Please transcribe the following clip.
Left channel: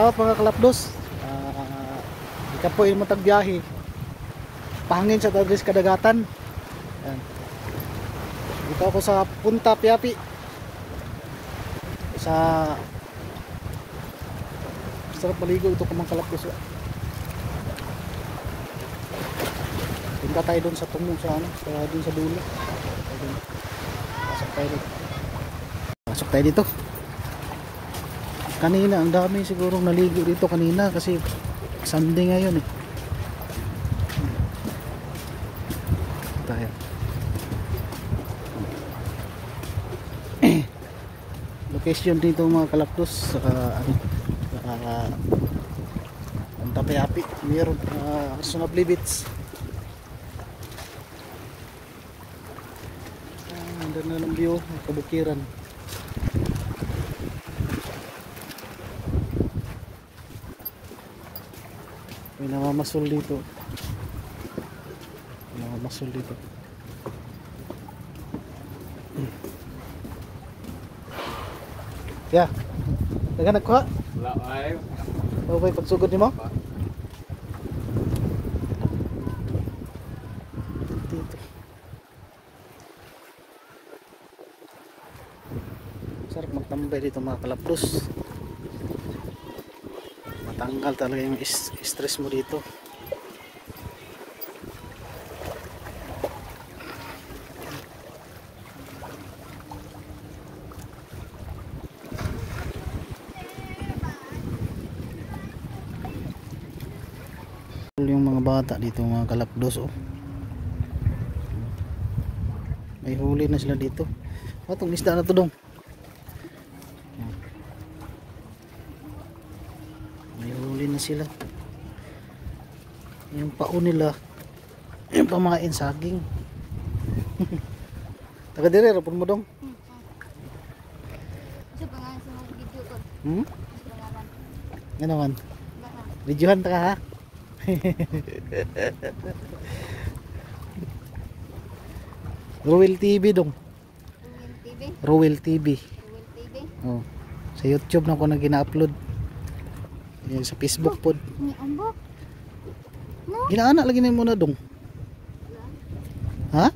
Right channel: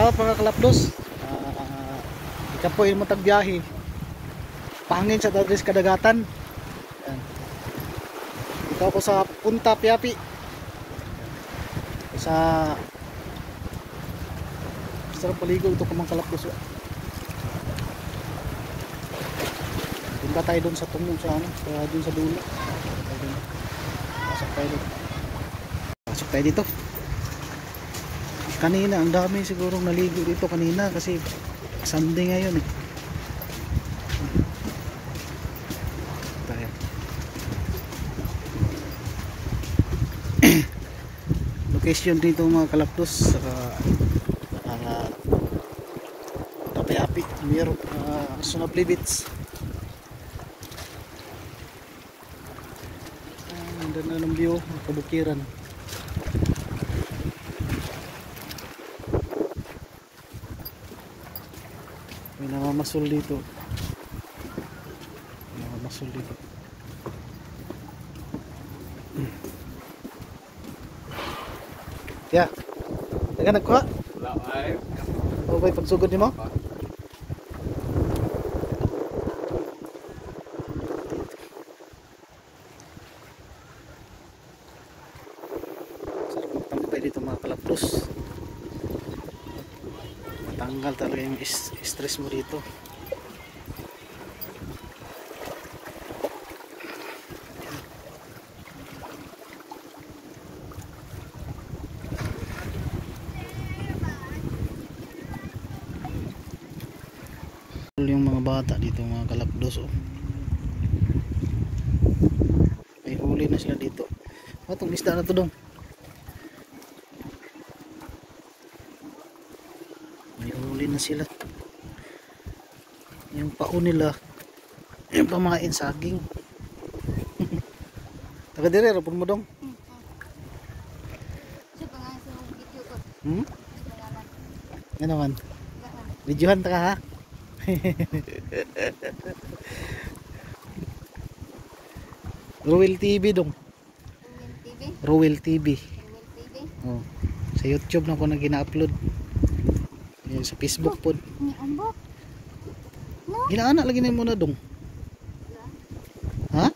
out mga kalapdos. Ika po yung matagbiyahe. Pangin sa tadris kadagatan. Yan. Dito ako sa Punta Piapi. Sa sarap paligo ito ka mga kalapdos. Punta tayo doon sa tungo sa ano, doon sa dulo. Pasok tayo dito. Pasok tayo dito. Kanina ang dami sigurong naligo dito kanina kasi Sunday ngayon eh. Tayo. Location dito mga kalapdos sa Punta Piapi, mayroon Sunabli Beach. Ganda na ng view, kabukiran. May namamasul dito. Namamasul dito. Yeah. Taga nagkuha? Wala ay. Okay, pagsugod ni mo? Sarap magtambay dito mga kalapdos. Matanggal talaga yung stress mo dito. Yung mga bata dito mga kalapdos oh. May huli na sila dito. Itong isda na to dong. May huli na sila. Yung pao nila yung pamain saging. Taga dire rapon mo dong. Ano man? Videohan ta ka ha? Rowell TV dong. Rowell TV. Oh, sa YouTube na ko na gina-upload. Sa Facebook pod. Ginaana lagi na mo na dong. Ha?